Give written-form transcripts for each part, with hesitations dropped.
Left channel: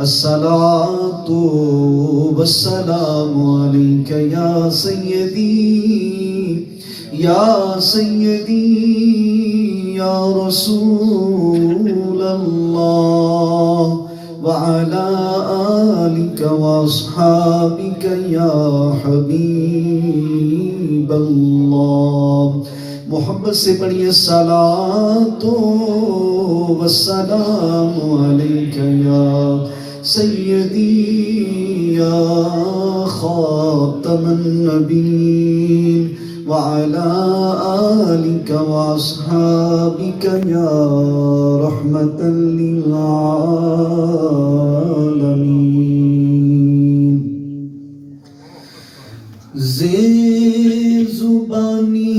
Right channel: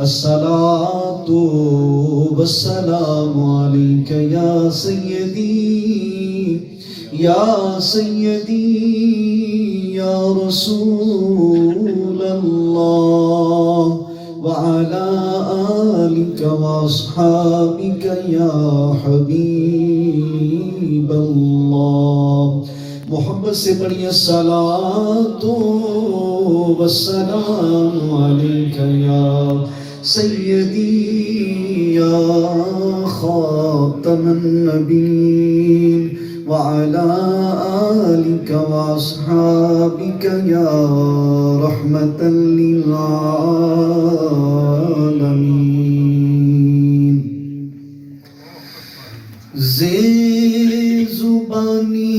الصلاة والسلام عليك يا سيدي يا سيدي يا رسول الله وعلى آلك وأصحابك يا حبيب الله. محمد سے پڑھیے الصلاۃ والسلام علیک یا سیدی یا خاتم النبیین وعلى آلك وأصحابك يا رحمة للعالمين. زبانی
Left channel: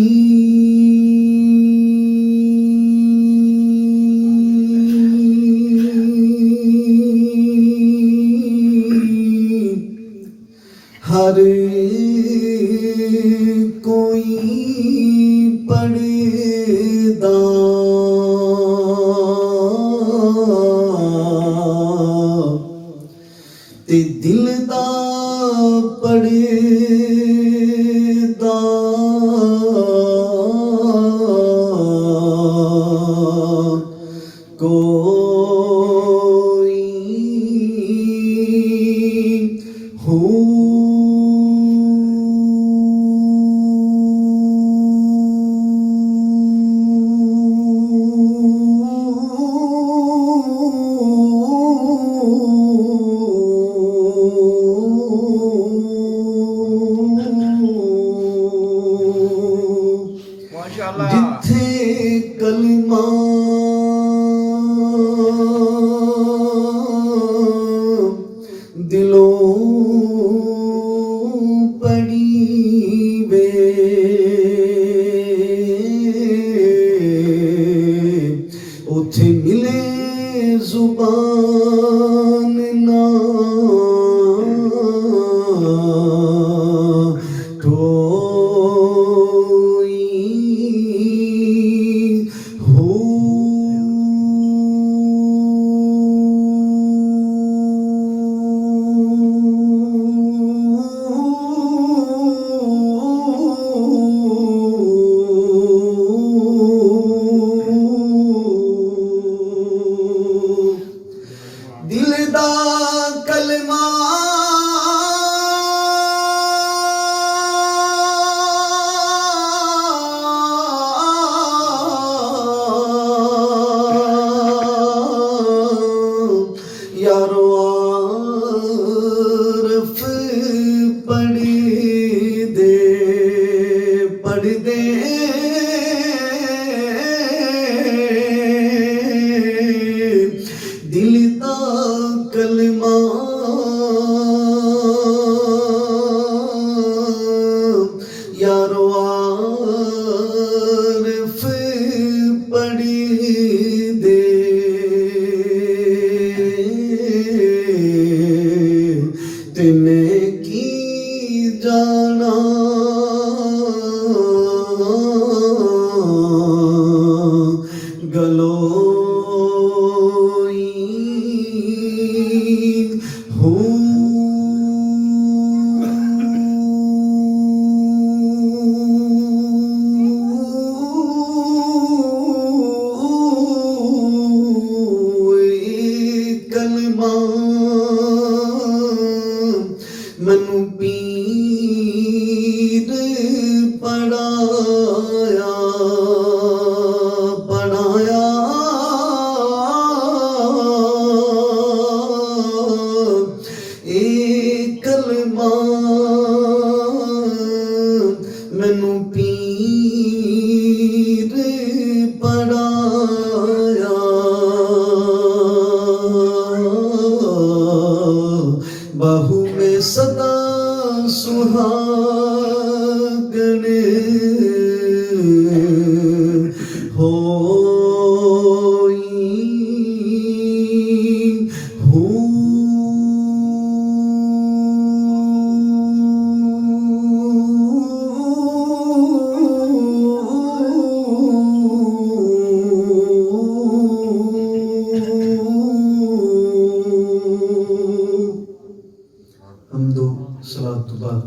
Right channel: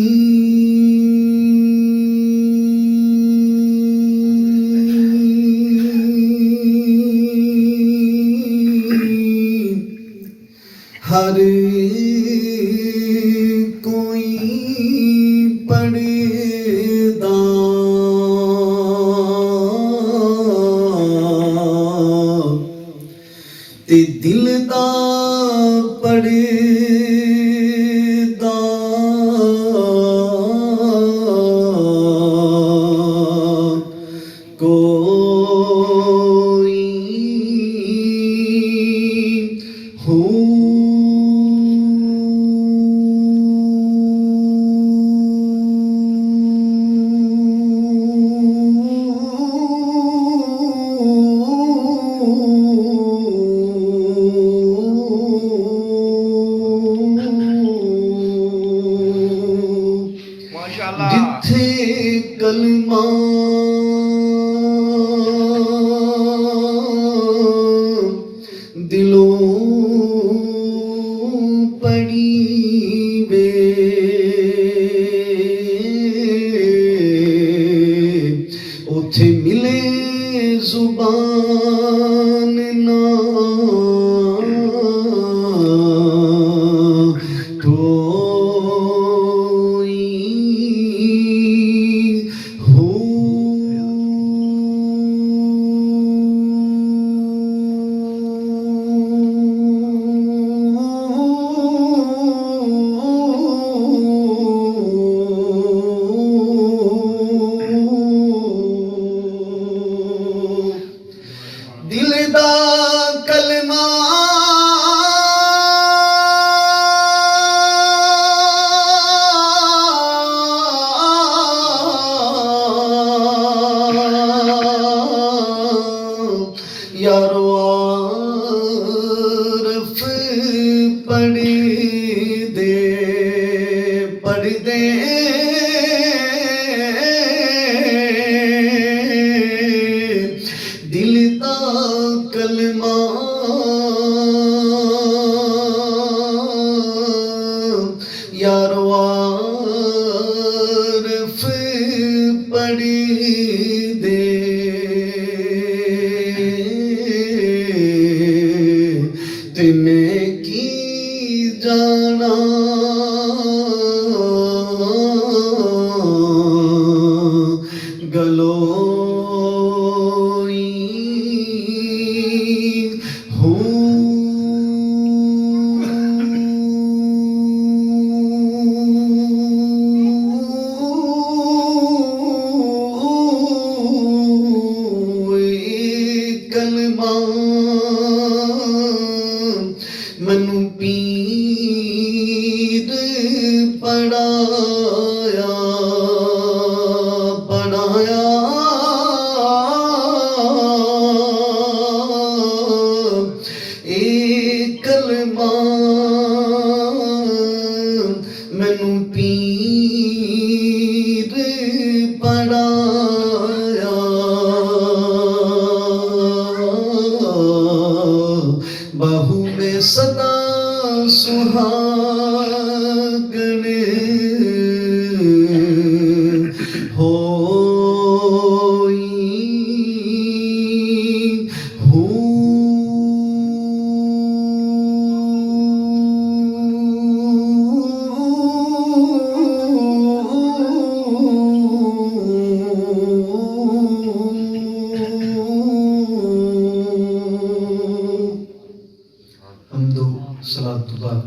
ہر کوئی پڑھدا تے دل دا پڑھدا کوئی ہو جتھے کلمہ دلوں پڑھی وے اتھے ملے زبان نہ دل دا کلمہ یارو عارف پڑھ دے دل دا کلمہ یارو عارف پڑھ دے تے میں کی جانا گلوئی ہوں کلمہ منو پیر پڑھایا اے کلمہ منو پیر پڑھایا بہو میں صدا سہاگن ہوئی ہوں بعد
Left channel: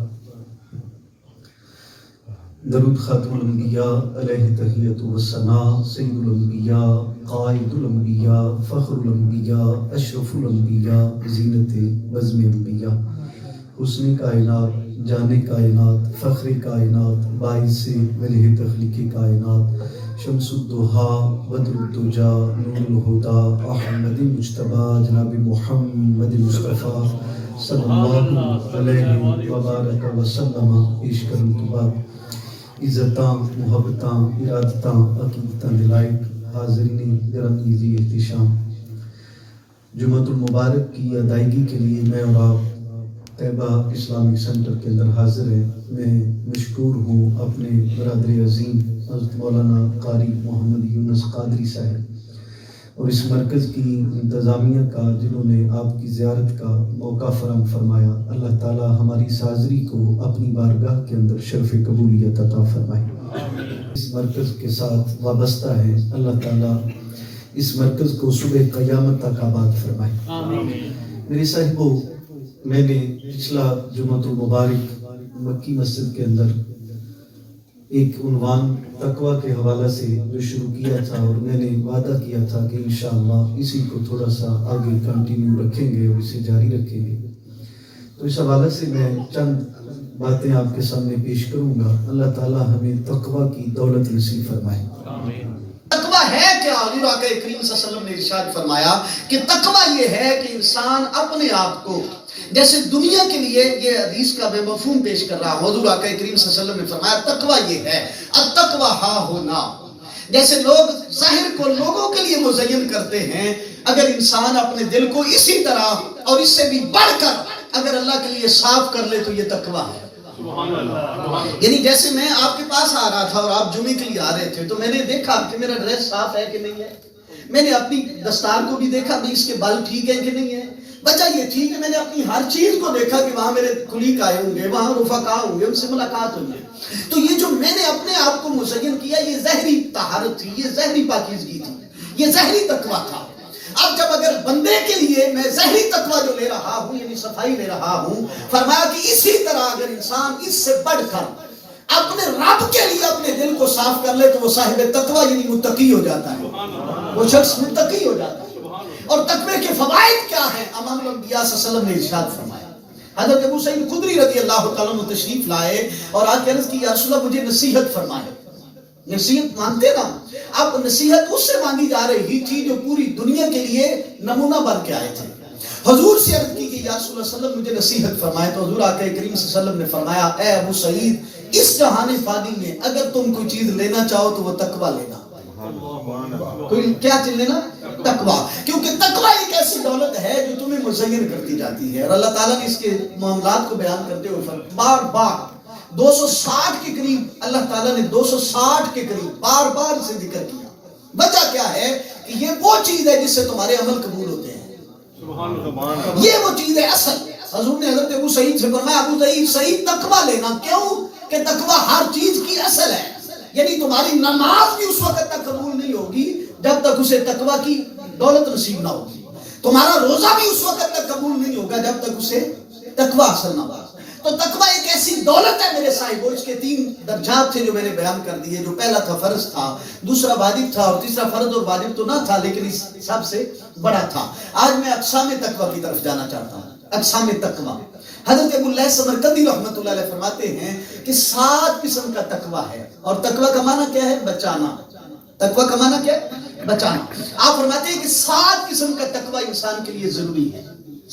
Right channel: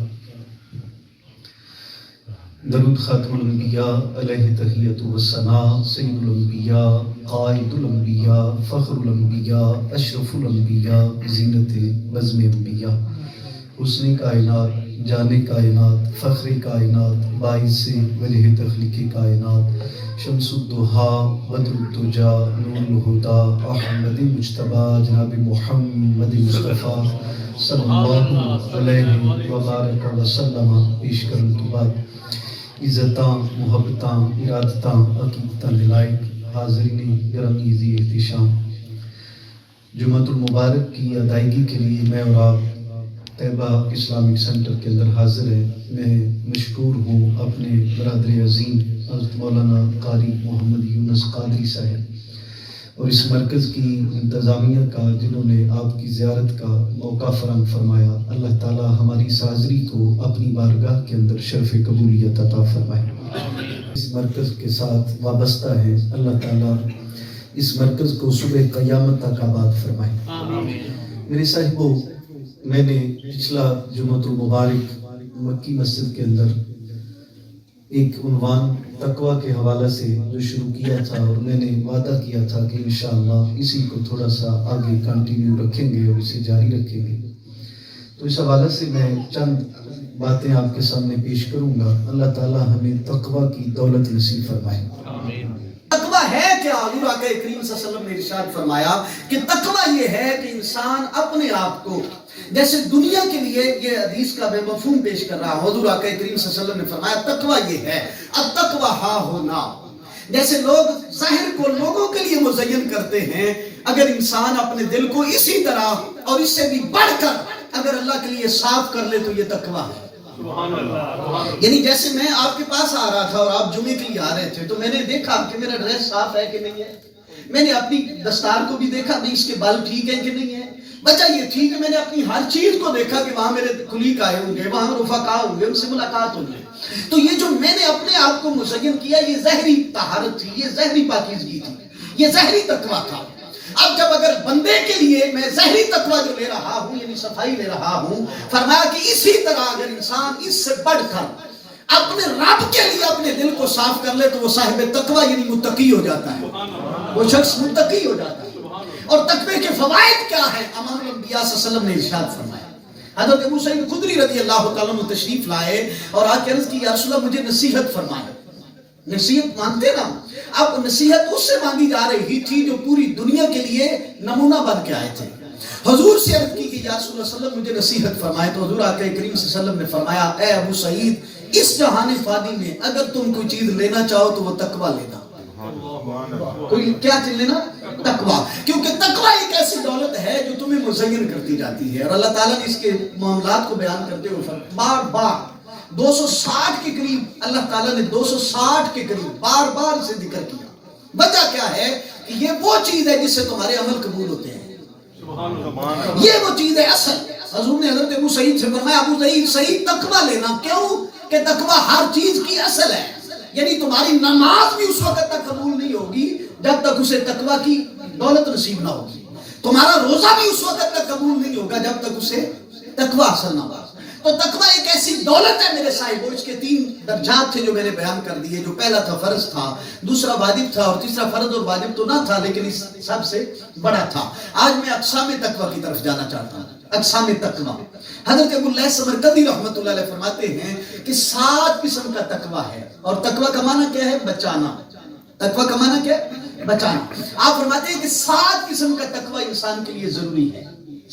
درود خاتم الانبیاء علیہ تحیت و ثناء سید الانبیاء قائد الانبیاء فخر الانبیاء اشرف الانبیاء زینت بزم انبیاء حسن کائنات جان کائنات فخر کائنات باعث وجہ تخلیق کائنات شمس الضحیٰ بدر الدجا نور الہدیٰ احمد مجتبی جناب محمد مصطفیٰ صلی اللہ علیہ وبارک وسلم پیش کرنے کے بعد عزتاں محبتاں ارادتاں عقیدتاں دلائق حاضرین گرامی ذی احتشام جمعۃ المبارک کی ادائیگی کے لیے میں اور آپ طیبہ اسلامک سینٹر کے اندر حاضر ہیں۔ میں مشکور ہوں اپنے برادر عظیم حضرت مولانا قاری محمد یونس قادری صاحب اور اس مرکز کی انتظامیہ کا جنہوں نے آپ کی زیارت کا موقع فراہم فرمایا۔ اللہ تعالی ہماری اس حاضری کو اپنی بارگاہ کے اندر شرف قبولیت عطا فرمائے۔ اس مرکز کے ساتھ وابستہ ہیں، اللہ تعالی اس مرکز کو صبح قیامت تک آباد فرمائے۔ میرے صاحبوں، میں نے پچھلا جمعۃ المبارک مکی مسجد کے اندر ایک عنوان تقویٰ کے حوالہ سے جو شروع کیا تھا اور میں نے وعدہ کیا تھا کہ انشاءاللہ اسی کو تھوڑا سا آگے کنٹینیو رکھیں گے اور اسے جاری رکھیں گے، تو اس حوالے سے میں چند باتیں آپ کے سامنے پیش کروں گا۔ اللہ تعالی ہمیں تقویٰ کی دولت نصیب فرمائے۔ تقویٰ ہے کیا؟ حضور آقا کریم صلی اللہ علیہ وسلم نے ارشاد فرمایا کہ تقویٰ یہ ہے کہ انسان اپنے آپ کو، جیسے دنیا کے لیے یہ حدیث کا میں مفہوم پیش کر رہا ہوں، حضور آقا کریم صلی اللہ علیہ وسلم نے فرمایا تقویٰ یہ ہے التقویٰ ہا ہونا۔ جیسے لوگ ظاہر کو لوگوں کے لیے مزین کرتے ہیں، اگر انسان اپنے دل کو اسی طرح اور اس سے بھی بڑھ کر اگر اللہ کے لیے صاف کر لے تو یہ تقویٰ ہے۔ یعنی جیسے میں آپ کے پاس آ رہا تھا اور آپ جمعے کے لیے آ رہے تھے تو میں نے دیکھا کہ میرا ڈریس صاف ہے کہ نہیں ہے، میں نے اپنی دستار کو بھی دیکھا بھی اس کے بال ٹھیک ہے کہ نہیں ہے، بچہ یہ ٹھیک ہے، میں نے اپنی ہر چیز کو دیکھا کہ وہاں میرے کلیگ آئے ہوں گے، وہاں رفقا ہوں گے، ان سے ملاقات ہوگی۔ تو یہ جو میں نے اپنے آپ کو مزین کیا یہ ظاہری طہارت تھی، یہ ظاہری پاکیزگی تھی، یہ ظاہری تقویٰ تھا۔ اب جب اگر بندے کے لیے میں ظاہری تقویٰ جو لے رہا ہوں یعنی صفائی لے رہا ہوں، فرمایا کہ اسی طرح اگر انسان اس سے بڑھ کر اپنے رب کے لیے اپنے دل کو صاف کر لے تو وہ صاحب تقویٰ یعنی متقی ہو جاتا ہے، وہ شخص متقی ہو جاتا ہے۔ اور تقوی کے فوائد کیا ہیں؟ امام الانبیاء صلی اللہ علیہ وسلم نے ارشاد فرمایا۔ حضرت ابو سعید خدری رضی اللہ تعالیٰ عنہ تشریف لائے اور آ کے عرض کی یا رسول اللہ مجھے نصیحت فرمائے۔ نصیحت مانگتے نا، اب نصیحت اس سے مانگی جا رہی تھی جو پوری دنیا کے لیے نمونہ بن کے آئے تھے۔ حضور سے عرض کی کہ یا رسول اللہ صلی اللہ علیہ وسلم مجھے نصیحت فرمائے، تو حضور آقا کریم صلی اللہ علیہ وسلم نے فرمایا اے ابو سعید اس جہان فانی میں اگر تم کوئی چیز لینا چاہو تو وہ تقویٰ لینا۔ کوئی کیا چیز لینا؟ تقویٰ، کیونکہ تقویٰ ایک ایسی دولت ہے جو تمہیں مزین کرتی جاتی ہے۔ اور اللہ تعالیٰ نے اس کے معاملات کو بیان کرتے ہوئے بار بار 260 کے قریب اللہ تعالیٰ نے 260 کے قریب بار بار اسے ذکر کیا۔ وجہ کیا ہے کہ یہ وہ چیز ہے جس سے تمہارے عمل قبول ہوتے ہیں، یہ وہ چیز ہے اصل۔ حضور نے حضرت ابو سعید سے فرمایا ابو سعید تقویٰ لینا، کیوں کہ تقویٰ ہر چیز کی اصل ہے۔ یعنی تمہاری نماز بھی اس وقت تک قبول نہیں ہوگی جب تک اسے تقویٰ کی دولت نصیب نہ ہوگی، تمہارا روزہ بھی اس وقت تک قبول نہیں ہوگا جب تک اسے تقویٰ حاصل نہ ہوگا۔ تو تقویٰ ایک ایسی دولت ہے میرے صاحبوں، اس کے 3 درجات تھے جو میں نے بیان کر دیے۔ جو پہلا تھا فرض تھا، دوسرا واجب تھا اور تیسرا فرض اور واجب تو نہ تھا لیکن اس سب سے بڑا تھا۔ آج میں اقسام تقویٰ کی طرف جانا چاہتا ہوں۔ اقسام تقویٰ، حضرت ابو اللہ سمرقندی رحمۃ اللہ علیہ فرماتے ہیں کہ 7 قسم کا تقویٰ ہے، اور تقویٰ کا معنی کیا ہے؟ بچانا۔ تقویٰ کا معنی کیا ہے؟ بچانا۔ آپ فرماتے ہیں کہ 7 قسم کا تقویٰ انسان کے لیے ضروری ہے۔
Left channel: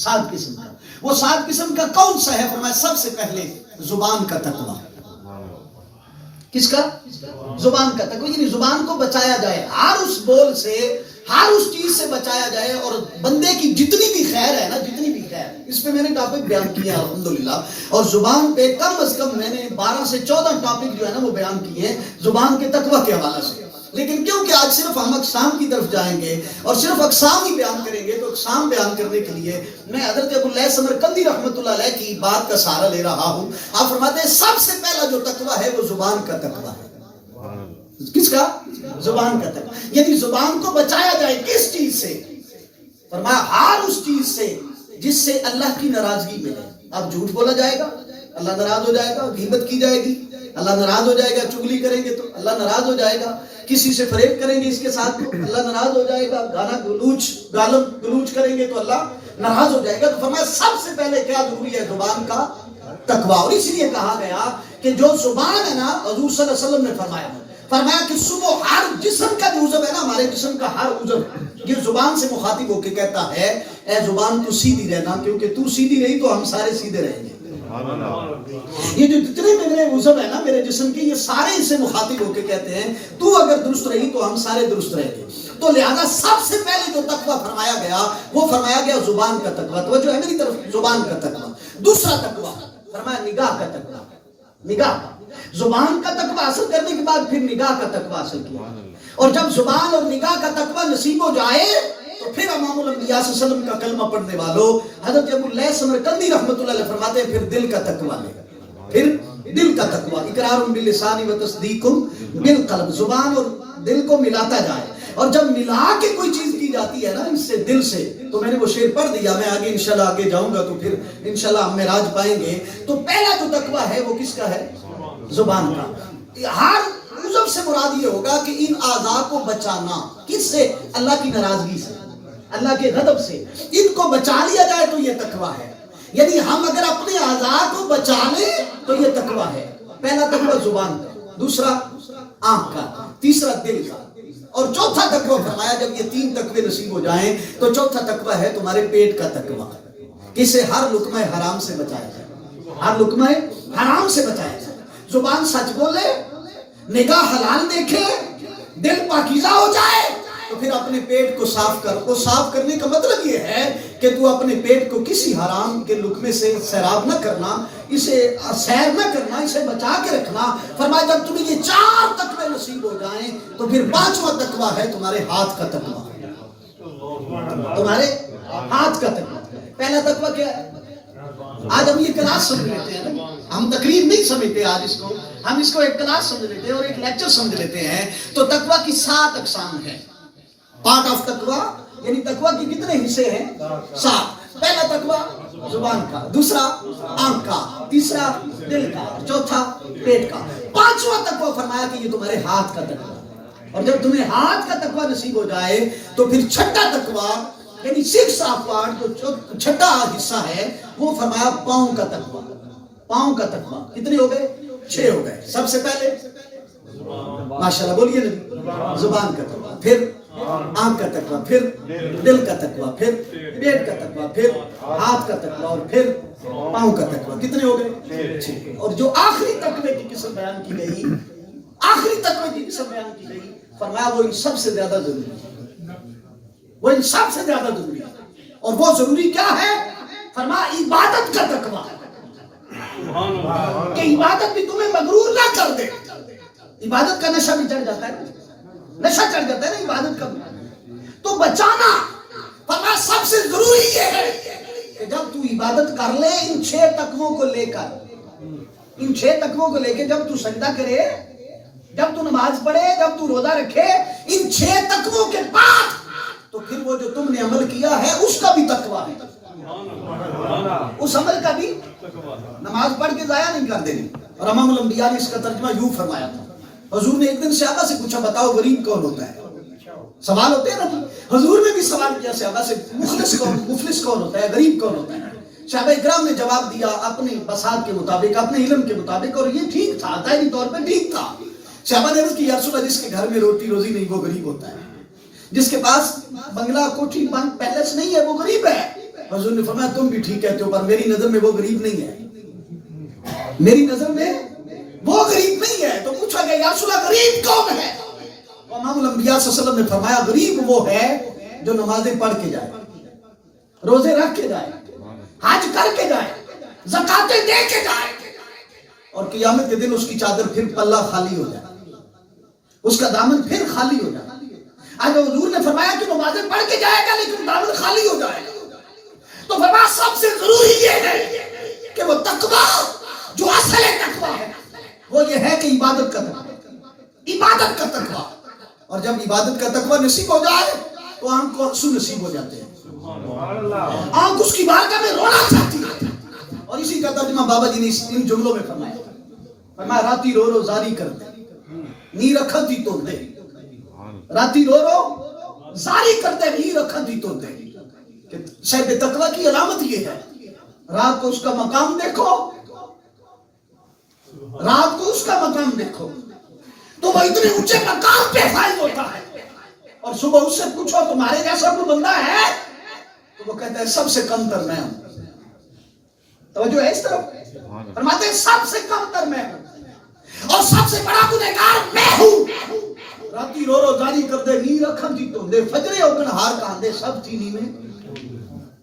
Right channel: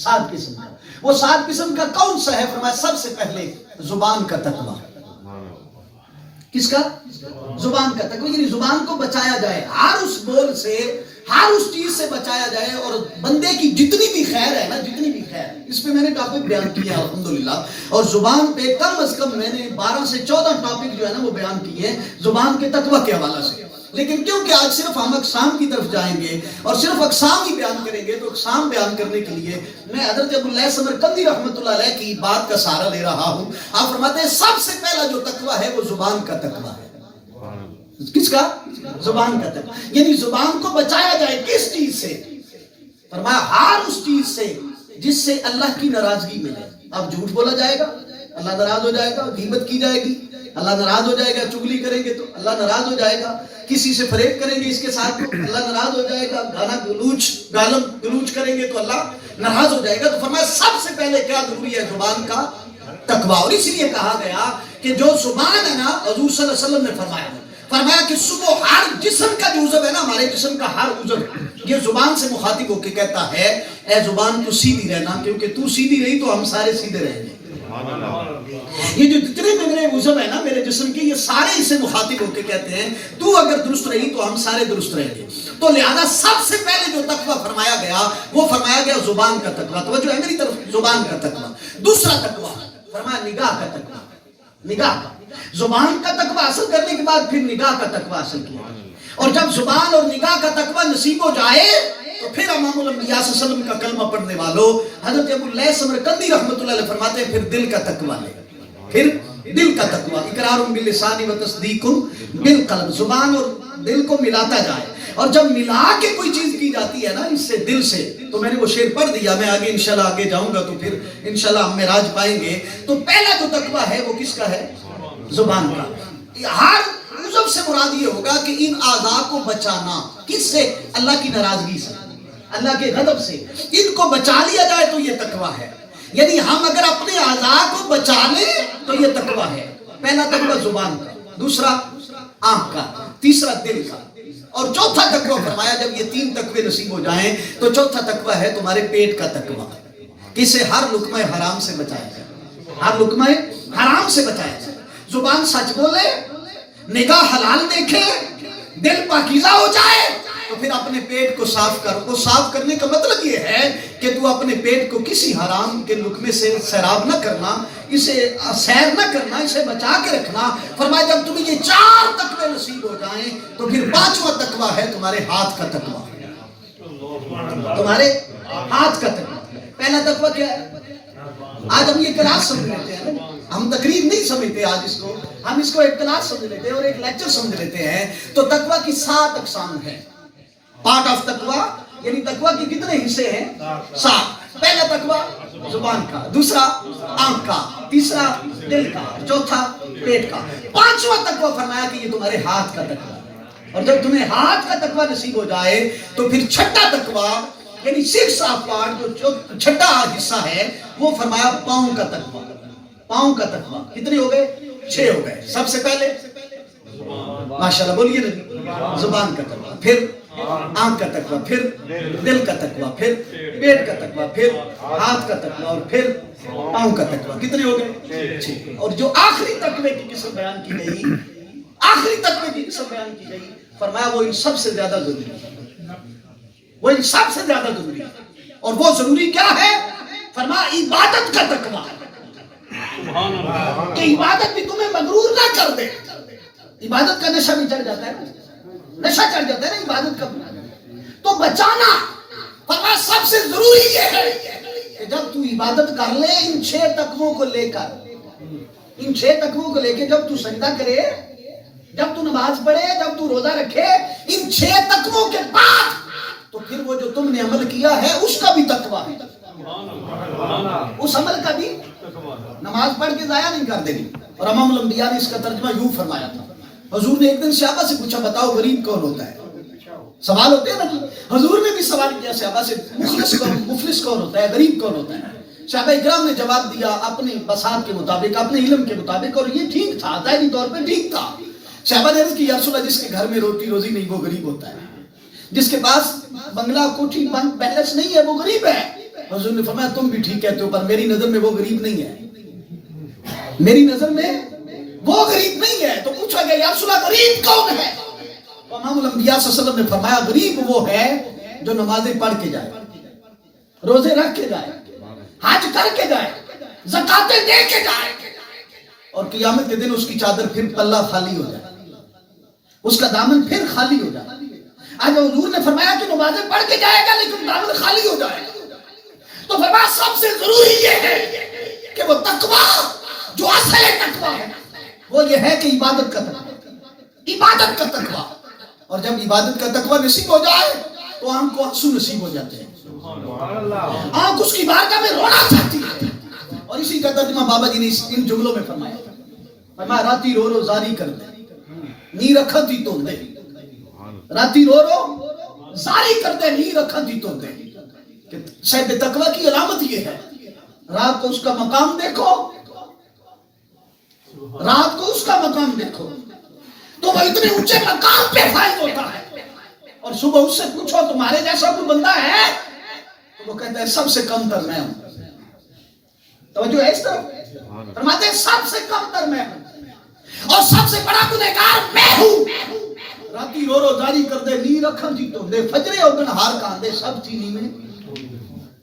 7 قسم کا، وہ 7 قسم کا کون سا ہے؟ فرمایا سب سے پہلے زبان کا تقویٰ۔ کس کا؟ زبان کا تقویٰ، یعنی زبان کو بچایا جائے، ہر اس بول سے، ہر اس چیز سے بچایا جائے، اور بندے کی جتنی بھی خیر ہے نا، جتنی بھی خیر، اس پہ میں نے ٹاپک بیان کیا ہے الحمدللہ، اور زبان پہ کم از کم میں نے 12 سے 14 ٹاپک جو ہے نا وہ بیان کیے ہیں زبان کے تقویٰ کے حوالے سے۔ لیکن کیونکہ آج صرف ہم اقسام کی طرف جائیں گے اور صرف اقسام ہی بیان کریں گے، تو اقسام بیان کرنے کے لیے میں حضرت ابو اللہ سمرقندی رحمۃ اللہ علیہ کی بات کا سہارا لے رہا ہوں۔ آپ فرماتے ہیں سب سے پہلا جو تقویٰ ہے وہ زبان کا تقویٰ ہے۔ کس کا؟ زبان کا تقویٰ، یعنی زبان کو بچایا جائے کس چیز سے؟ فرمایا ہر اس چیز سے جس سے اللہ کی ناراضگی ملے۔ اب جھوٹ بولا جائے گا، اللہ ناراض ہو جائے گا. غیبت کی جائے گی اللہ ناراض ہو جائے گا. چغلی کریں گے تو اللہ ناراض ہو جائے گا. کسی سے فریب کریں گے اس کے ساتھ تو اللہ ناراض ہو جائے گا. گالم گلوچ کریں گے تو اللہ ناراض ہو جائے گا. تو فرمایا سب سے پہلے کیا ضروری ہے؟ زبان کا تقویٰ. اور اسی لیے کہا گیا کہ جو زبان ہے نا، حضور صلی اللہ علیہ وسلم نے فرمایا کہ صبح ہر جسم کا جو عضو ہے نا، ہمارے جسم کا ہر عضو یہ زبان سے مخاطب ہو کے کہتا ہے اے زبان تو سیدھی رہنا، کیونکہ تو سیدھی رہی تو ہم سارے سیدھے رہیں گے. یہ جو جتنے میرے عضو ہے نا میرے جسم کی، یہ سارے اسے مخاطب ہو کے کہتے ہیں تو اگر درست رہی تو ہم سارے درست رہیں گے. تو لہذا سب سے پہلے جو تقویٰ فرمایا گیا وہ فرمایا گیا زبان کا تقویٰ. تو جو ہے میری طرف زبان کا تقویٰ. دوسرا تقویٰ فرمایا نگاہ کا تقویٰ. نگاہ کا زبان کا تقویٰ حاصل کرنے کے بعد پھر نگاہ کا تقویٰ حاصل کیا. اور جب زبان اور نگاہ کا تقویٰ نصیب ہو جائے تو پھر امام الانبیاء صلی اللہ علیہ وسلم کا کلمہ پڑھنے والوں حضرت ابو اللیث سمرقندی رحمۃ اللہ علیہ فرماتے ہیں پھر دل کا تقویٰ لے. پھر دل کا تقویٰ اقرار باللسان و تصدیق بالقلب. زبان اور دل کو ملاتا جائے. اور جب ملا کے کوئی چیز کی جاتی ہے نا اس سے دل سے، تو میں نے وہ شعر پڑھ دیا، میں آگے انشاءاللہ آگے جاؤں گا تو پھر انشاءاللہ ہم معراج پائیں گے. تو پہلا جو تقویٰ ہے وہ کس کا ہے؟ زبان کا. ہر عضو سے مراد یہ ہوگا کہ ان اعضاء کو بچانا. کس سے؟ اللہ کی ناراضگی سے، اللہ کے غضب سے. ان کو بچا لیا جائے تو یہ تقویٰ ہے. یعنی ہم اگر اپنے اعضاء کو بچا لیں تو یہ تقویٰ ہے. پہلا تقویٰ زبان کا، دوسرا آنکھ کا، تیسرا دل کا، اور چوتھا تقویٰ فرمایا جب یہ تین تقوی نصیب ہو جائیں تو چوتھا تقویٰ ہے تمہارے پیٹ کا تقویٰ. اسے ہر لقمہ حرام سے بچایا جائے. ہر لقمہ حرام سے بچایا جائے. زبان سچ بولے، نگاہ حلال دیکھے، دل پاکیزہ ہو جائے تو پھر اپنے پیٹ کو صاف کر. وہ صاف کرنے کا مطلب یہ ہے کہ تو اپنے پیٹ کو کسی حرام کے لقمے سے سیراب نہ کرنا، اسے سیر نہ کرنا، اسے بچا کے رکھنا. فرمایا جب تمہیں یہ چار تقوی نصیب ہو جائیں تو پھر پانچواں تقوی ہے تمہارے ہاتھ کا تقوی. تمہارے ہاتھ کا تقوی. پہلا تقوی کیا ہے؟ آج ہم یہ کلاس سمجھ لیتے ہیں، ہم تقریر نہیں سمجھتے آج اس کو، ہم اس کو ایک کلاس سمجھ لیتے ہیں اور ایک لیکچر سمجھ لیتے ہیں. تو تقوی کی 7 اقسام ہیں. پارٹ آف تقوی یعنی تقوی کے کتنے حصے ہیں؟ 7. پہلا تقوی زبان کا، دوسرا آنکھ کا، تیسرا دل کا، چوتھا پیٹ کا. پانچواں تقوی فرمایا کہ یہ تمہارے ہاتھ کا تقوی. اور جب تمہیں ہاتھ کا تقوی نصیب ہو جائے تو پھر چھٹا تقوی یعنی 6 آف پارٹ جو چھٹا حصہ ہے وہ فرمایا پاؤں کا تقوی. پاؤں کا تقوی کتنے ہو گئے؟ 6 ہو گئے. سب سے پہلے ماشاءاللہ بولیے نا، زبان کا تقوی، پھر آنکھ کا تقوی، پھر دل کا تقوی، پھر پیٹ کا تقوی، پھر ہاتھ کا تقوی اور پھر پاؤں کا تقوی. کتنے ہو گئے؟ 6. اور جو آخری تقوی کی قسم بیان کی گئی، آخری تقوی کی قسم بیان کی گئی، فرمایا وہ ان سب سے زیادہ ضروری ہے. وہ ان سب سے زیادہ ضروری ہے. اور وہ ضروری کیا ہے؟ فرمایا عبادت کا تقوی، کہ عبادت بھی تمہیں مغرور نہ کر دے. عبادت کا نشہ بھی چڑھ جاتا ہے، نشہ چڑھ جاتا ہے نا عبادت کا. تو بچانا فرمایا سب سے ضروری یہ ہے کہ جب تو عبادت کر لے ان 6 تقویوں کو لے کر، ان 6 تقویوں کو لے کے جب تو سجدہ کرے، جب تو نماز پڑھے، جب تو روزہ رکھے، ان 6 تقویوں کے بعد تو پھر وہ جو تم نے عمل کیا ہے اس کا بھی تقویٰ ہے. اس عمل کا بھی نماز پڑھ کے ضائع نہیں کر دینی. اور امام الانبیاء نے اس کا ترجمہ یوں فرمایا تھا. حضور نے ایک دن صحابہ سے پوچھا بتاؤ غریب کون ہوتا ہے؟ سوال ہوتے ہیں نا. حضور نے بھی سوال کیا صحابہ سے مفلس کون ہوتا ہے، غریب کون ہوتا ہے؟ صحابہ اکرام نے جواب دیا اپنی بساط کے مطابق، اپنے علم کے مطابق، اور یہ ٹھیک تھا، ظاہری طور پہ ٹھیک تھا. صحابہ نے عرض کی یا رسول اللہ جس کے گھر میں روٹی روزی نہیں وہ غریب ہوتا ہے، جس کے پاس بنگلہ کوٹھی بینک بیلنس نہیں ہے وہ غریب ہے. حضور نے فرمایا تم بھی ٹھیک کہتے ہو پر میری نظر میں وہ غریب نہیں ہے، میری نظر میں وہ غریب نہیں ہے. تو پوچھا گیا یا رسول اللہ غریب کون ہے؟ تو امام الانبیاء صلی اللہ علیہ وسلم نے فرمایا غریب وہ ہے جو نمازیں پڑھ کے جائے، روزے رکھ کے جائے، حج کر کے جائے، زکاتیں دے کے جائے، اور قیامت کے دن اس کی چادر پھر پلہ خالی ہو جائے، اس کا دامن پھر خالی ہو جائے. آج حضور نے فرمایا کہ نمازیں پڑھ کے جائے گا لیکن دامن خالی ہو جائے گا. تو فرمایا سب سے ضروری یہ ہے کہ وہ تقویٰ جو اصل تقویٰ ہے وہ یہ ہے کہ عبادت کا تقویٰ، عبادت کا تقویٰ. اور جب عبادت کا تقویٰ نصیب ہو جائے تو آنکھ کو آنسو نصیب ہو جاتے ہیں. آنکھ اس کی بارگاہ میں رونا چاہتی ہے. اور اسی کا ترجمہ بابا جی نے ان جملوں میں فرمایا. فرمایا راتی رو رو زاری کر دے نی رکھن دی تو دے. راتی رو رو زاری کر دے نی رکھن دی تو دے. صاحب تقوی کی علامت یہ ہے رات کو اس کا مقام دیکھو, رات کو اس کا مقام دیکھو تو وہ اتنے اونچے مقام پہ فائز ہوتا ہے. اور صبح اس سے پوچھو تمہارے جیسا کوئی بندہ ہے تو وہ کہتا ہے سب سے کم تر میں ہوں. توجہ ہے اس طرف, فرماتے ہیں سب سے کم تر میں ہوں اور سب سے بڑا گنہگار میں ہوں. راتی رو رو جاری کر دے نی رکھن دی تو دے فجرے اگن ہار کہاندے سب تھی نی میں.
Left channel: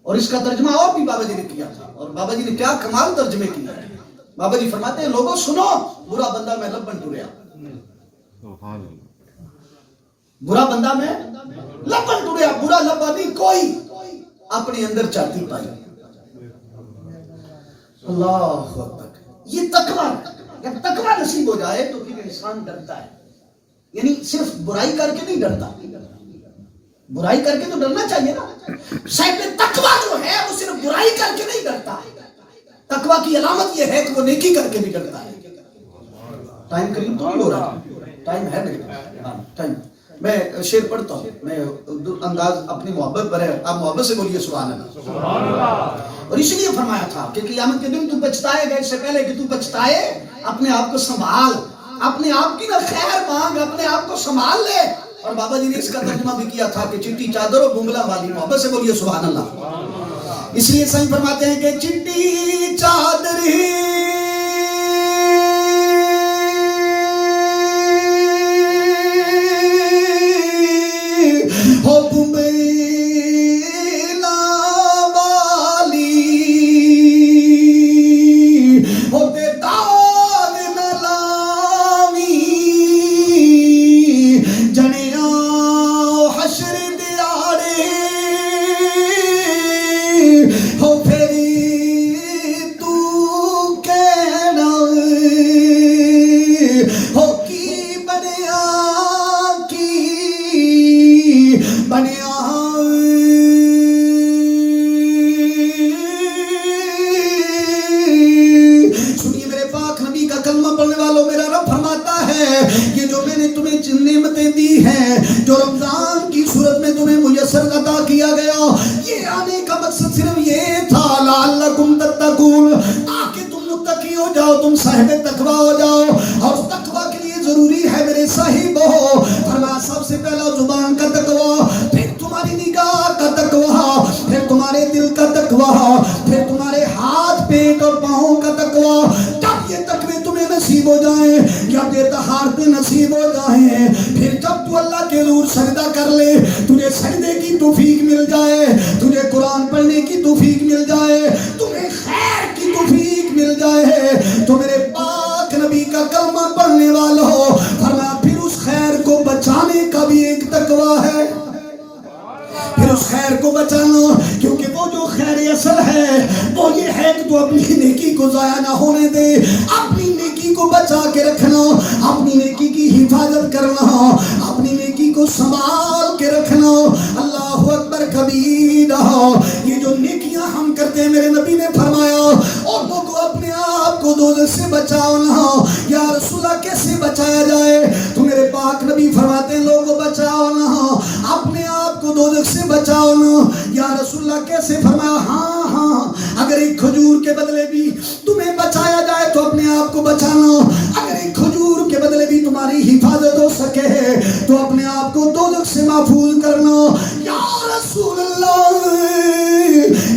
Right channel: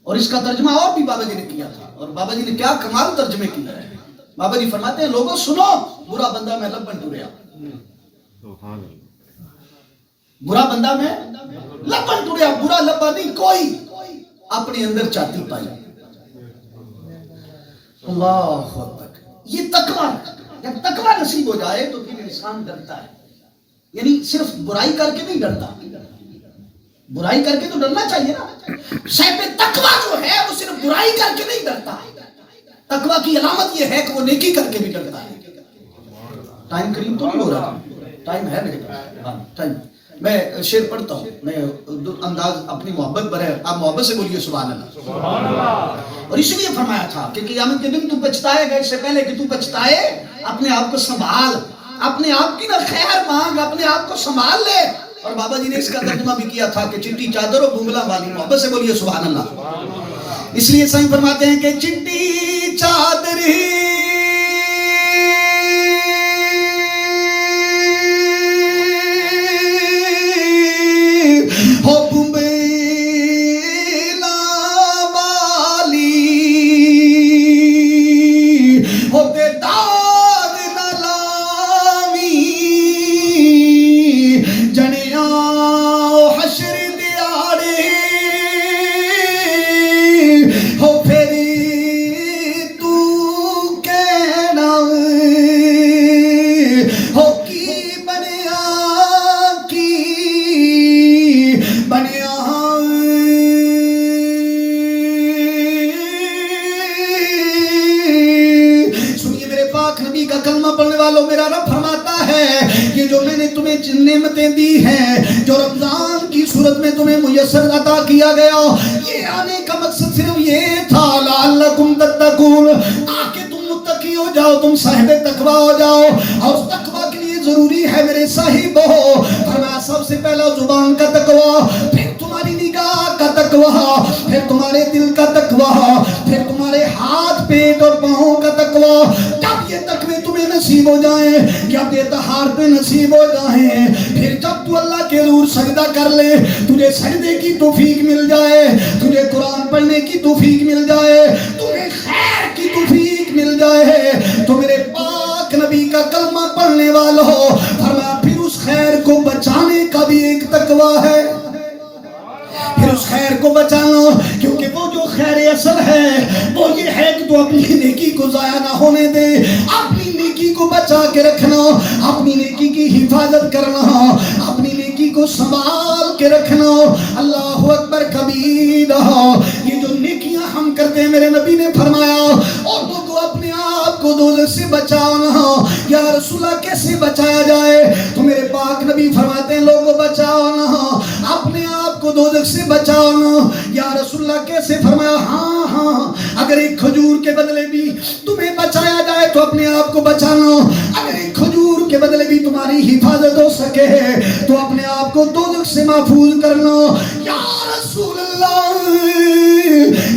اور اس کا ترجمہ اور بھی بابا جی نے کیا تھا اور بابا جی نے کیا کمال ترجمے کیا ہے. بابا جی فرماتے ہیں لوگوں سنو برا بندہ میں لبن ٹریا, برا بندہ میں لبن ٹریا, برا لبا نہیں کوئی اپنے اندر چاہتی پائی. اللہ اکبر. یہ تقوی, جب تقوی نصیب ہو جائے تو پھر انسان ڈرتا ہے. یعنی صرف برائی کر کے نہیں ڈرتا, برائی کر کے تو ڈرنا چاہیے نا. صاحب تقوی جو ہے وہ صرف برائی کر کے نہیں ڈرتا. تقوی کی علامت یہ ہے کہ وہ نیکی کر کے بھی ڈرتا ہے. ٹائم قریب تو نہیں ہو رہا, ٹائم ہے میرے پاس, ہاں ٹائم. میں شعر پڑھتا ہوں, میں انداز اپنی محبت پر ہے, آپ محبت سے بولیے سبحان اللہ. اور اس لیے فرمایا تھا کہ قیامت کے دن تو پچھتائے گا, اس سے پہلے کہ تو پچھتائے اپنے آپ کو سنبھال, اپنے آپ کی نہ خیر مانگ, اپنے آپ کو سنبھال لے. اور بابا جی نے اس کا ترجمہ بھی کیا تھا کہ چٹی چادر و بنگلہ والی. محبت سے بولیے سبحان اللہ. اس لیے سائیں فرماتے ہیں کہ چٹی چادر ہو بنگلہ والی ہو دیدار نہ لاوی جنیا حشر دیارے ہو پھری تو کہنا ہو کی بنیا بنیا. سنیے میرے پاک نبی کا کلمہ پڑھنے والوں, میرا رب فرماتا ہے یہ جو میں نے تمہیں نعمتیں دی ہیں, جو رمضان کی صورت میں تمہیں میسر عطا کیا گیا, یہ آنے کا مقصد صرف یہ تھا لعلکم تتقون, تاکہ تم متقی ہو جاؤ, تم صاحب تقوی ہو جاؤ. اور تقوی کے لیے ضروری ہے میرے صاحب ہو, فرمایا سب سے پہلا زبان کا تقوی, پھر تمہاری نگاہ کا تقوی, پھر تمہارے دل کا تقوی, پھر تمہارے ہاتھ پیٹ اور پاؤں کا تقوی. جب یہ تقوی تمہیں نصیب ہو جائیں, جب یہ طہارت نصیب ہو جائیں, پھر جب تو اللہ کے حضور سجدہ کر لے, تجھے سجدے کی توفیق مل جائے, تجھے قرآن پڑھنے کی توفیق مل جائے, تمہیں خیر کی توفیق مل جائے, تو میرے پاک نبی کا کلمہ پڑھنے والوں فرمایا پھر اس خیر کو بچانے کا بھی ایک تقوی ہے. پھر اس خیر کو بچانا, کیونکہ وہ جو خیر اصل ہے وہ یہ ہے کہ تو اپنی نیکی کو ضائع نہ ہونے دے, اپنی نیکی کو بچا کے رکھنا, اپنی نیکی کی حفاظت کرنا, اپنی نیکی کو سنبھال کے رکھنا. اللہ اکبر کبیرہ. یہ جو نیکیاں ہم کرتے ہیں میرے نبی نے فرمایا اور لوگوں اپنے آپ کو دوزخ سے بچانا. یا رسول اللہ کیسے بچایا جائے, تو میرے پاک نبی فرماتے ہیں لوگوں بچانا, اپنے آپ کو دوزخ سے بچانا. یا رسول اللہ کیسے, فرمایا ہاں اگر ایک کھجور کے بدلے بھی تمہیں بچایا جائے تو اپنے آپ کو بچانا, اگر ایک کھجور کے بدلے بھی تمہاری حفاظت ہو سکے تو اپنے آپ کو دوزخ سے محفوظ کرنا. یا رسول اللہ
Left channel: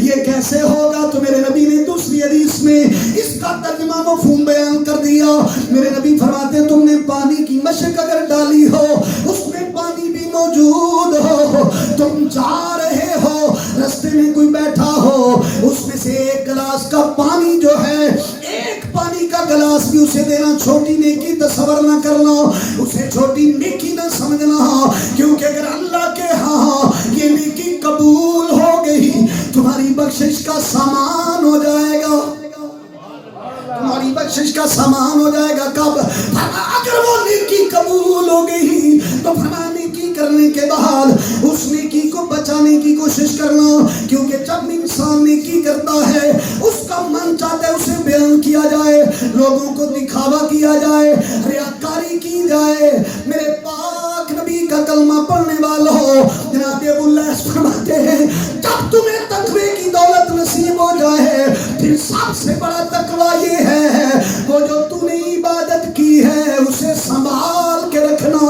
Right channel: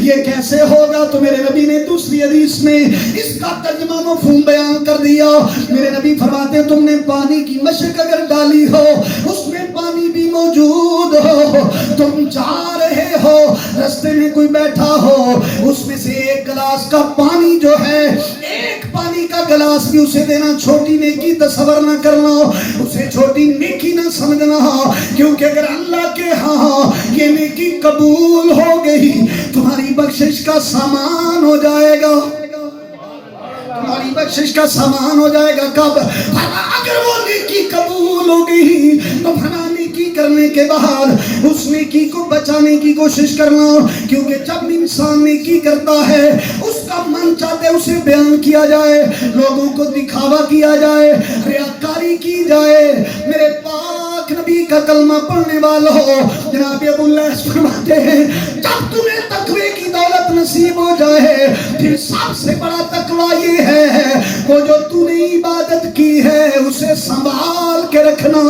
یہ کیسے ہوگا, تو میرے نبی نے دوسری حدیث میں اس کا ترجمہ مفہوم بیان کر دیا. میرے نبی فرماتے ہیں تم نے پانی کی مشق اگر ڈالی ہو, اس میں پانی بھی موجود ہو, تم جا رہے ہو, رستے میں کوئی بیٹھا ہو, اس میں سے ایک گلاس کا پانی جو ہے, ایک پانی کا گلاس بھی اسے دینا, چھوٹی نیکی تصور نہ کرنا, اسے چھوٹی نیکی نہ سمجھنا, کیونکہ اگر اللہ کے ہاں یہ نیکی قبول ہو گئی تمہاری بخشش کا سامان ہو جائے گا, تمہاری بخشش کا سامان ہو جائے گا. کب, اگر وہ نیکی قبول ہو گئی تو فنا نیکی کرنے کے بعد اس نیکی کو بچانے کی کوشش کرنا, کیونکہ جب انسان نیکی کرتا ہے اس کا من چاہتا ہے کیا جائے, لوگوں کو دکھاوا کیا جائے, ریاکاری کی جائے. میرے پاک نبی کا کلمہ پڑھنے والوں, جناب ابو اللیث فرماتے ہیں جب تمہیں تقوی کی دولت نصیب ہو جائے پھر سب سے بڑا تقوی یہ ہے وہ جو تو نے عبادت کی ہے اسے سنبھال کے رکھنا.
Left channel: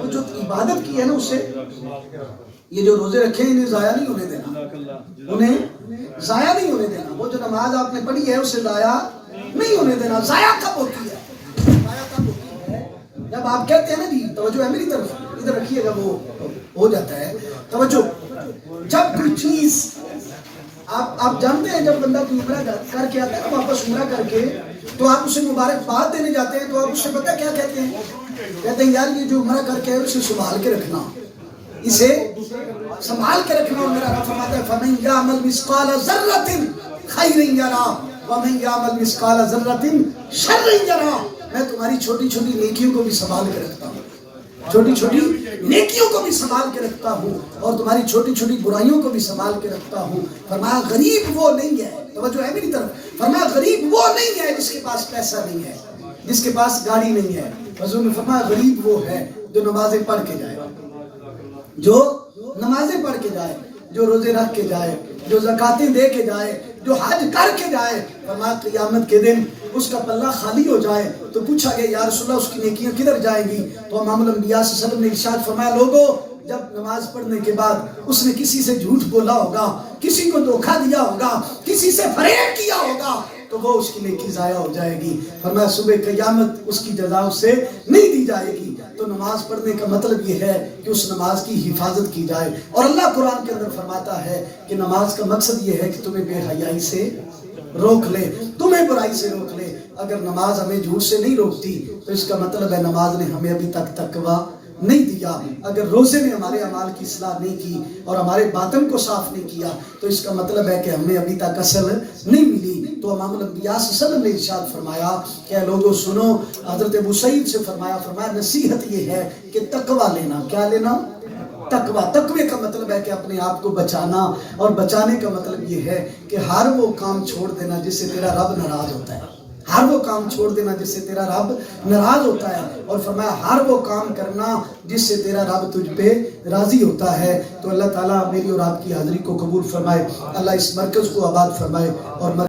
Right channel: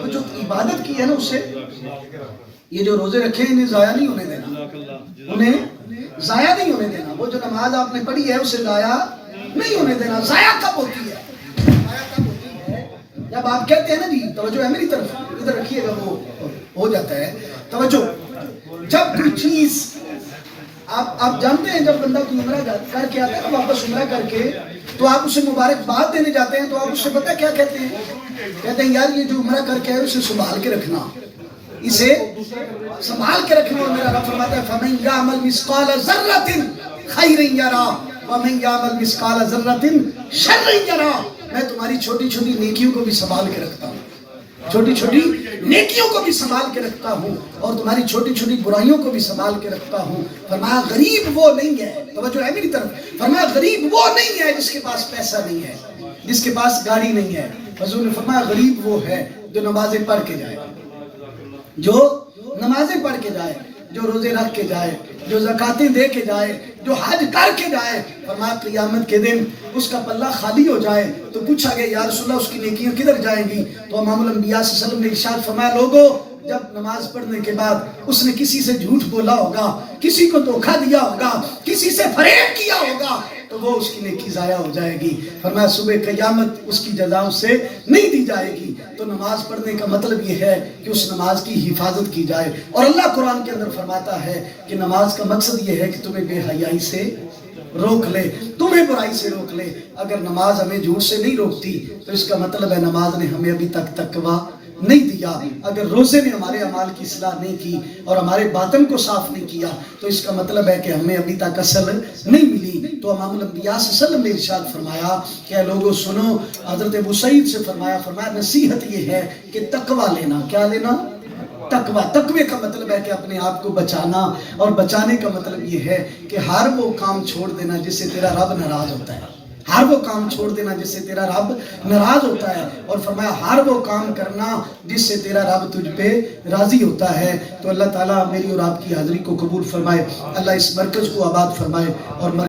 وہ جو عبادت کی ہے نا اسے, یہ جو روزے رکھے انہیں ضائع نہیں ہونے دینا, انہیں ضائع نہیں ہونے دینا. وہ جو نماز آپ نے پڑھی ہے اسے ضائع نہیں ہونے دینا. ضائع کب ہوتی ہے؟ ضائع کب ہوتی ہے جب آپ کہتے ہیں نا, جی توجہ ہے میری طرف, ادھر رکھیے گا, وہ ہو جاتا ہے توجہ. جب کوئی چیز آپ جانتے ہیں, جب بندہ کوئی عمرہ کر کے آتا ہے نا واپس عمرہ کر کے, تو آپ اسے مبارکباد دینے جاتے ہیں, تو آپ اس سے پتہ کیا کہتے ہیں؟ کہتے ہیں یار یہ جو عمرہ کر کے ہے اسے سنبھال کے رکھنا, اسے سنبھال کے رکھنا. اور میرا رب فرماتا ہے فَمَنْ يَعْمَلْ مِثْقَالَ ذَرَّةٍ خَيْرٍ يَرَهُ وَمَنْ يَعْمَلْ مِثْقَالَ ذَرَّةٍ شَرٍّ يَرَهُ. میں تمہاری چھوٹی چھوٹی نیکیوں کو بھی سنبھال کے رکھتا ہوں, چھوٹی چھوٹی نیکیوں کو بھی سنبھال کے رکھتا ہوں, اور تمہاری چھوٹی چھوٹی برائیوں کو بھی سنبھال کے رکھتا ہوں. فرمایا غریب وہ نہیں ہے, توجہ ہے میری طرف, فرمایا غریب وہ نہیں ہے جس کے پاس پیسہ نہیں ہے, جس کے پاس گاڑی نہیں ہے. حضور نے فرمایا غریب وہ ہے جو نمازیں پڑھ کے جائے, جو نمازیں پڑھ کے جائے, جو روزے رکھ کے جائے, جو زکاتیں دے کے جائے, جو حج کر کے جائے. فرمایا قیامت کے دن اس کا پلہ خالی ہو جائے تو پوچھا گیا یا رسول اللہ اس کی نیکیاں کدھر جائیں گی؟ تو امام الانبیاء صلی اللہ علیہ وسلم نے ارشاد فرمایا لوگوں جب نماز پڑھنے کے بعد اس نے کسی سے جھوٹ بولا ہوگا, کسی کو دھوکہ دیا ہوگا, کسی سے فریب کیا ہوگا, تو وہ اس کی نیکی ضائع ہو جائے گی. فرمایا صبح قیامت اس کی جزا اسے نہیں دی جائے گی. تو نماز پڑھنے کا مطلب یہ ہے کہ اس نماز کی حفاظت کی جائے. اور اللہ قرآن کے اندر فرماتا ہے کہ نماز کا مقصد یہ ہے کہ تمہیں بے حیائی سے روک لے, تمہیں برائی سے روک لے. اگر نماز ہمیں جھوٹ سے نہیں روکتی تو اس کا مطلب ہے نماز نے ہمیں ابھی تک تقویٰ نہیں دیا. اگر روزے نے ہمارے اعمال کی اصلاح نہیں کی اور ہمارے باطن کو صاف نہیں کیا تو اس کا مطلب ہے کہ ہمیں ابھی تک اصل نہیں ملی. تو امام الانبیاء صلی اللہ علیہ وسلم نے ارشاد فرمایا کہ لوگوں سنو, حضرت ابو سعید سے فرمایا نصیحت یہ ہے کہ تقویٰ لینا. کیا لینا؟ تقویٰ. تقوی کا مطلب ہے کہ اپنے آپ کو بچانا, اور بچانے کا مطلب یہ ہے کہ ہر وہ کام چھوڑ دینا جس سے تیرا رب ناراض ہوتا ہے, ہر وہ کام چھوڑ دینا جس سے تیرا رب ناراض ہوتا ہے. اور فرمایا ہر وہ کام کرنا جس سے تیرا رب تجھ پہ راضی ہوتا ہے. تو اللہ تعالیٰ میری اور آپ کی حاضری کو قبول فرمائے, اللہ اس مرکز کو آباد فرمائے اور